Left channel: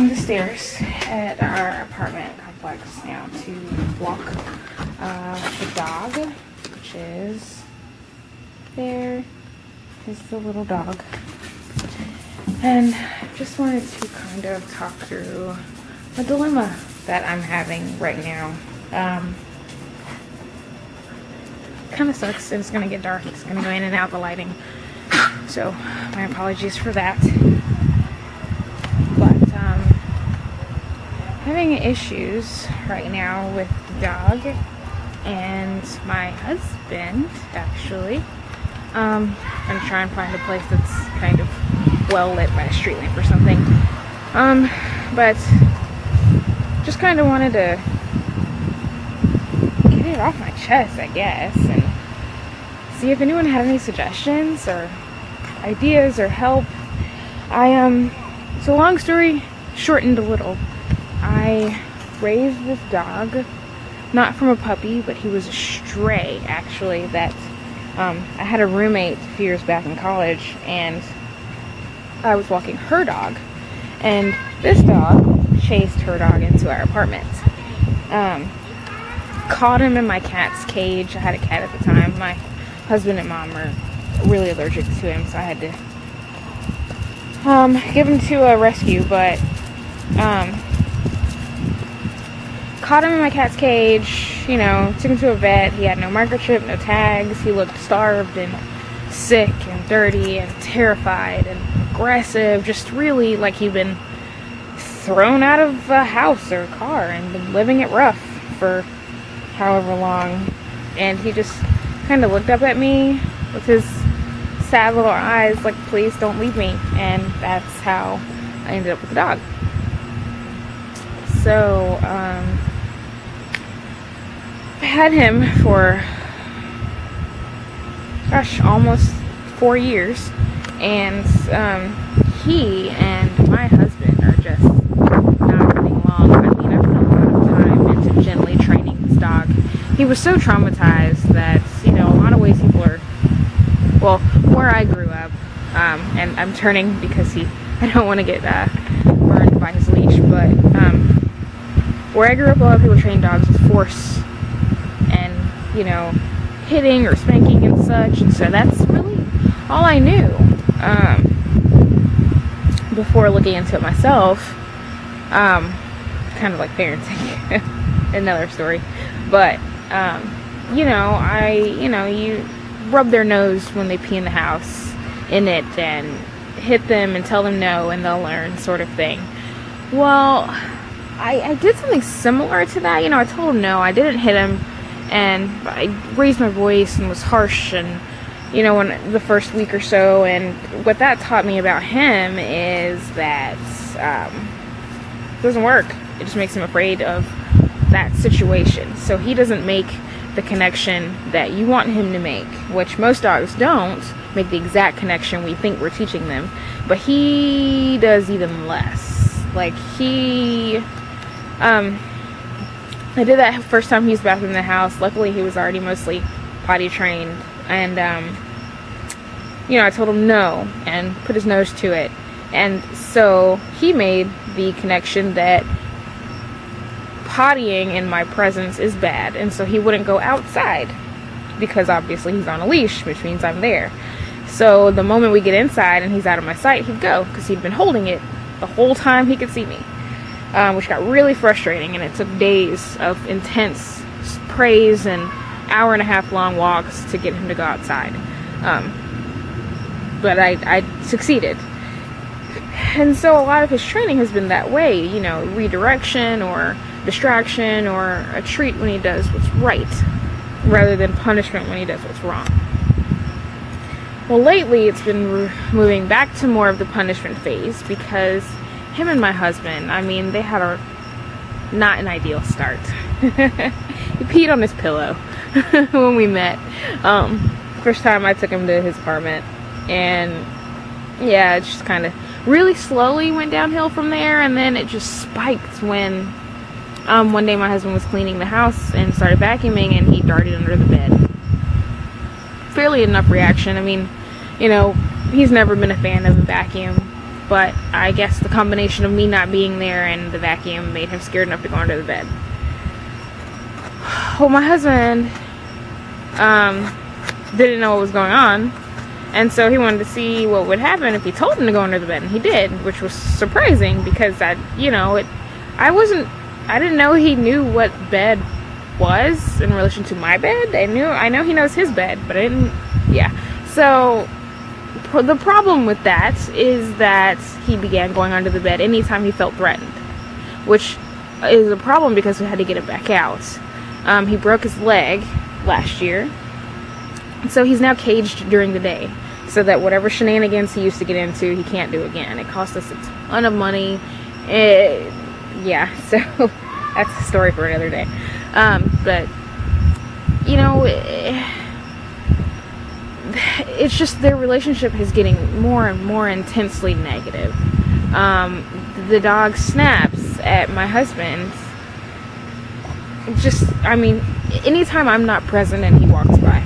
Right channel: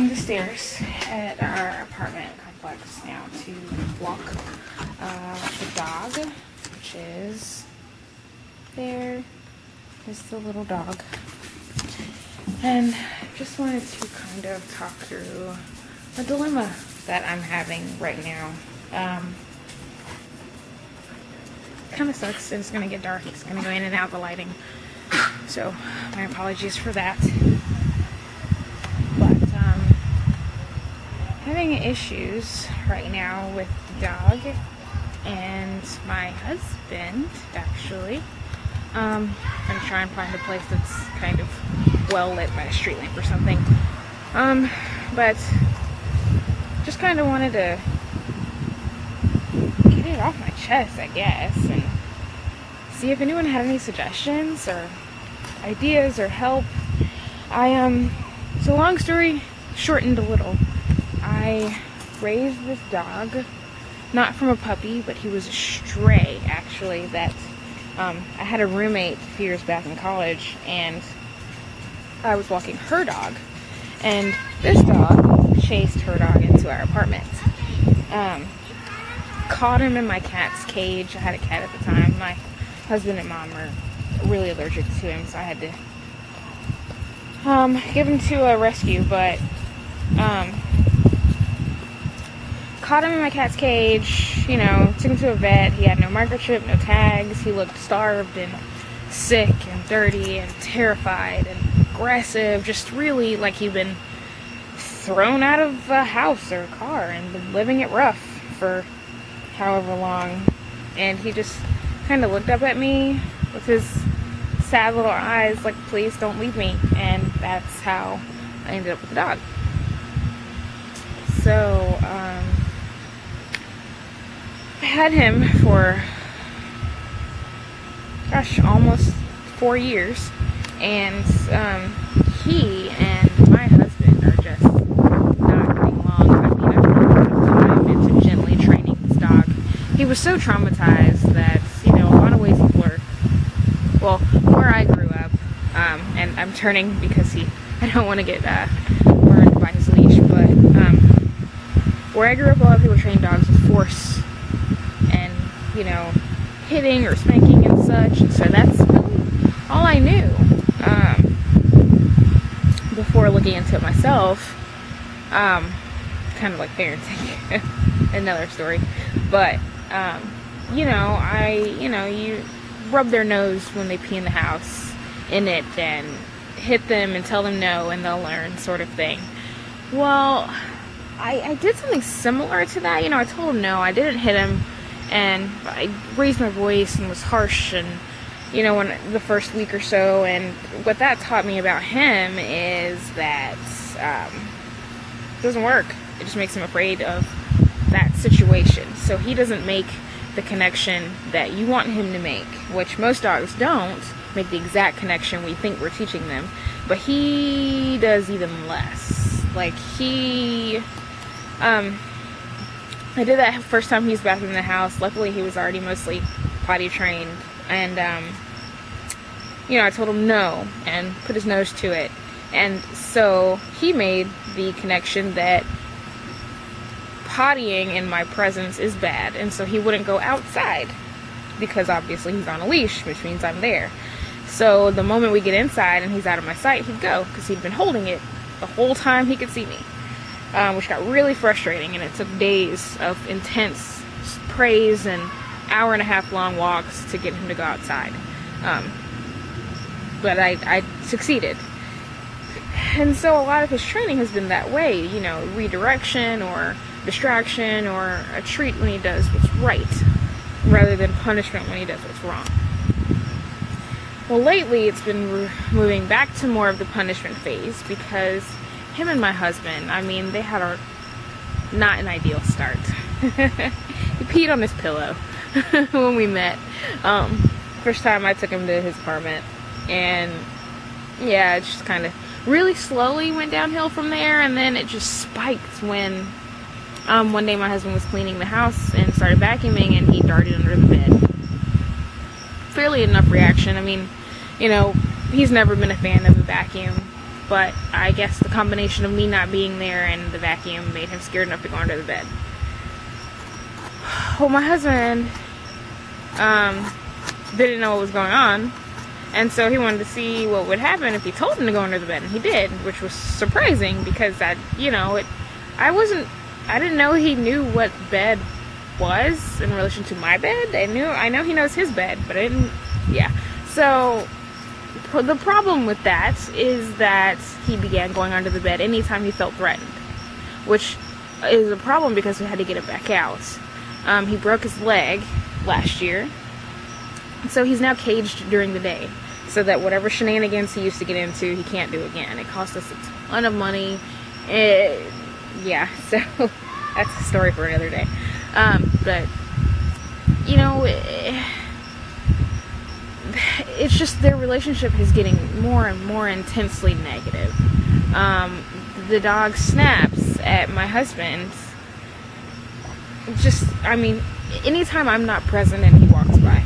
down the stairs at our apartment complex now to walk the dog, which is there. Is the little dog. And just wanted to kind of talk through a dilemma that I'm having right now. Kind of sucks. It's gonna get dark. It's gonna go in and out the lighting. So my apologies for that. But having issues right now with the dog and my husband, actually. I'm gonna try and find a place that's kind of well lit by a street lamp or something. But just kind of wanted to get it off my chest, I guess, and see if anyone had any suggestions or ideas or help. So long story shortened a little. I raised this dog, not from a puppy, but he was a stray, actually, that I had a roommate a few years back in college, and I was walking her dog, and this dog chased her dog into our apartment. Caught him in my cat's cage. I had a cat at the time. My husband and mom are really allergic to him, so I had to give him to a rescue, but caught him in my cat's cage, you know, took him to a vet. He had no microchip, no tags. He looked starved and sick and dirty and terrified and aggressive, just really like he'd been thrown out of a house or a car and been living it rough for however long. And he just kind of looked up at me with his sad little eyes like, please don't leave me. And that's how I ended up with the dog. So I had him for, gosh, almost 4 years, and he and my husband are just not getting along. I mean, I put a lot of time into gently training this dog. He was so traumatized that, you know, a lot of ways people are, well, where I grew up, and I'm turning because I don't want to get burned by his leash, but where I grew up, a lot of people train dogs with force and, you know, hitting or spanking and such, and so that's really all I knew before looking into it myself. Kind of like parenting. Another story. But you know, you rub their nose when they pee in the house in it and hit them and tell them no and they'll learn, sort of thing. Well, I did something similar to that. You know, I told him no, I didn't hit him, and I raised my voice and was harsh, and, you know, when the first week or so. And what that taught me about him is that it doesn't work. It just makes him afraid of that situation. So he doesn't make the connection that you want him to make, which most dogs don't make the exact connection we think we're teaching them. But he does even less. Like, I did that first time he was back in the house. Luckily, he was already mostly potty trained. And, you know, I told him no and put his nose to it. And so he made the connection that pottying in my presence is bad. And so he wouldn't go outside because obviously he's on a leash, which means I'm there. So the moment we get inside and he's out of my sight, he'd go because he'd been holding it the whole time he could see me. Which got really frustrating, and it took days of intense praise and hour-and-a-half long walks to get him to go outside. But I succeeded. And so a lot of his training has been that way, you know, redirection or distraction or a treat when he does what's right, rather than punishment when he does what's wrong. Well, lately it's been moving back to more of the punishment phase because him and my husband, I mean, they had not an ideal start. He peed on his pillow when we met. First time I took him to his apartment, and yeah, it just kind of really slowly went downhill from there, and then it just spiked when one day my husband was cleaning the house and started vacuuming, and he darted under the bed. Fairly enough reaction. I mean, you know, he's never been a fan of a vacuum. but I guess the combination of me not being there and the vacuum made him scared enough to go under the bed. Well, my husband didn't know what was going on, and so he wanted to see what would happen if he told him to go under the bed, and he did, which was surprising because I didn't know he knew what bed was in relation to my bed. I know he knows his bed, but I didn't. Yeah. So the problem with that is that he began going under the bed anytime he felt threatened, which is a problem because we had to get it back out. He broke his leg last year, so he's now caged during the day, so that whatever shenanigans he used to get into, he can't do again. It cost us a ton of money. Yeah, so that's a story for another day. But you know, it's just their relationship is getting more and more intensely negative. The dog snaps at my husband. Just, I mean, anytime I'm not present and he walks by,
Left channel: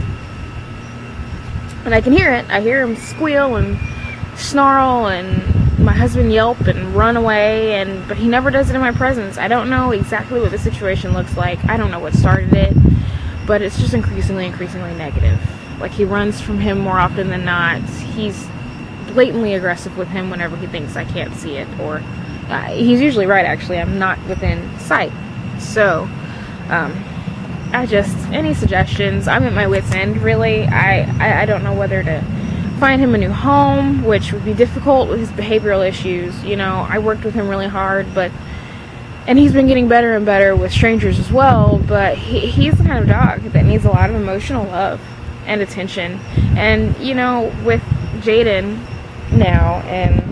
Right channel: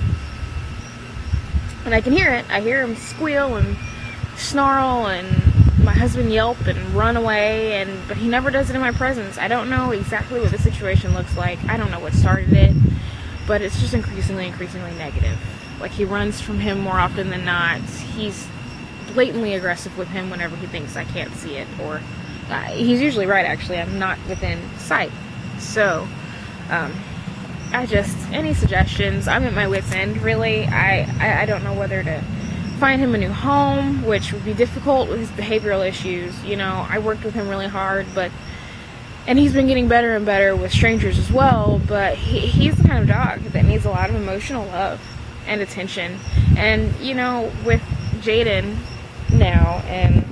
and I can hear it. I hear him squeal and snarl, and my husband yelp and run away, but he never does it in my presence. I don't know exactly what the situation looks like. I don't know what started it, but it's just increasingly negative. Like, he runs from him more often than not. He's blatantly aggressive with him whenever he thinks I can't see it, or he's usually right, actually. I'm not within sight. So any suggestions? I'm at my wit's end, really. I don't know whether to find him a new home, which would be difficult with his behavioral issues. You know, I worked with him really hard, and he's been getting better and better with strangers as well, but he's the kind of dog that needs a lot of emotional love and attention. And, you know, with Jaden now, and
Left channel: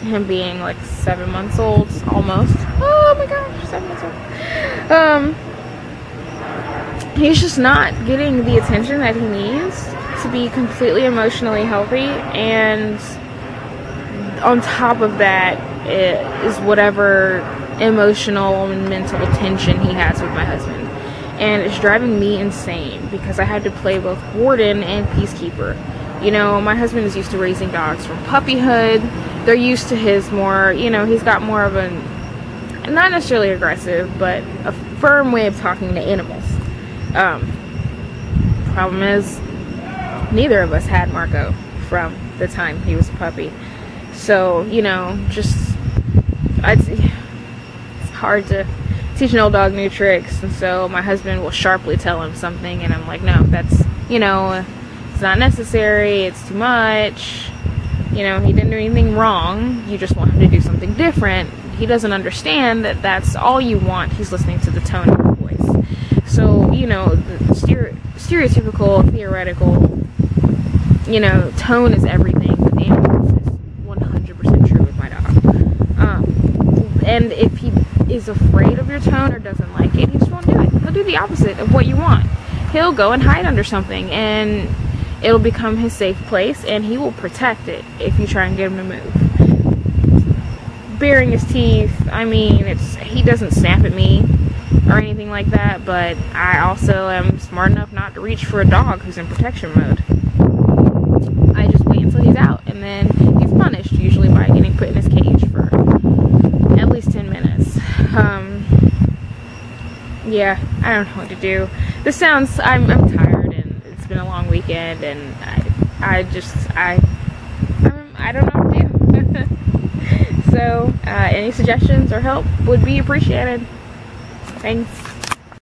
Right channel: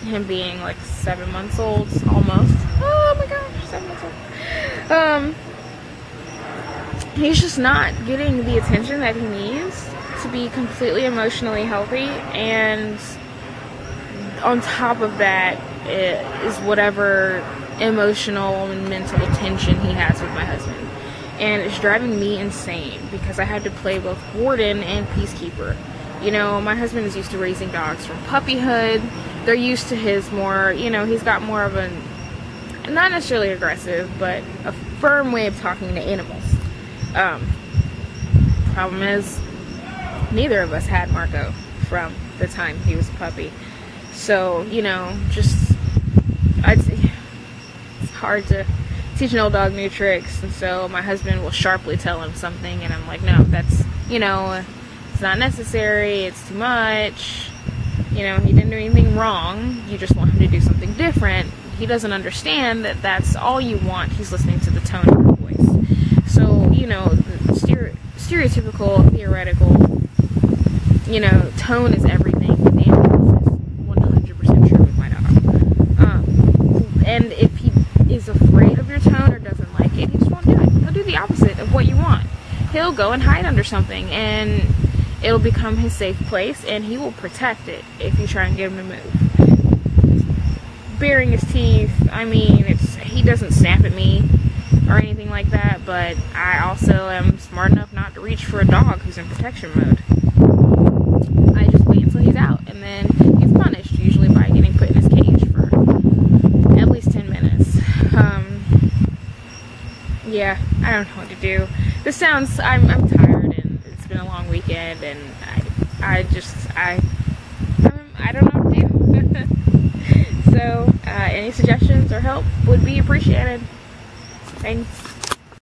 him being like 7 months old, almost. Oh my gosh, 7 months old. He's just not getting the attention that he needs to be completely emotionally healthy, and on top of that is whatever emotional and mental tension he has with my husband. And it's driving me insane because I had to play both warden and peacekeeper. You know, my husband is used to raising dogs from puppyhood. They're used to his more, you know, he's got more of a, not necessarily aggressive, but a firm way of talking to animals. Problem is, neither of us had Marco from the time he was a puppy. So, you know, just, it's hard to teach an old dog new tricks. And so my husband will sharply tell him something, and I'm like, no, that's, you know, it's not necessary, it's too much. You know, he didn't do anything wrong, you just want him to do something different. He doesn't understand that that's all you want. He's listening to the tone of your voice. So, you know, the stereotypical, theoretical, you know, tone is everything with animals is 100% true with my dog. And if he is afraid of your tone or doesn't like it, he just won't do it. He'll do the opposite of what you want. He'll go and hide under something, and it'll become his safe place, and he will protect it if you try and get him to move. Baring his teeth, I mean, he doesn't snap at me or anything like that, but I also am smart enough not to reach for a dog who's in protection mode. I just wait until he's out, and then he's punished, usually by getting put in his cage for at least 10 minutes. Yeah, I don't know what to do. This sounds, I'm tired, and it's been a long weekend, and I don't know what to do. So, any suggestions or help would be appreciated. Thanks.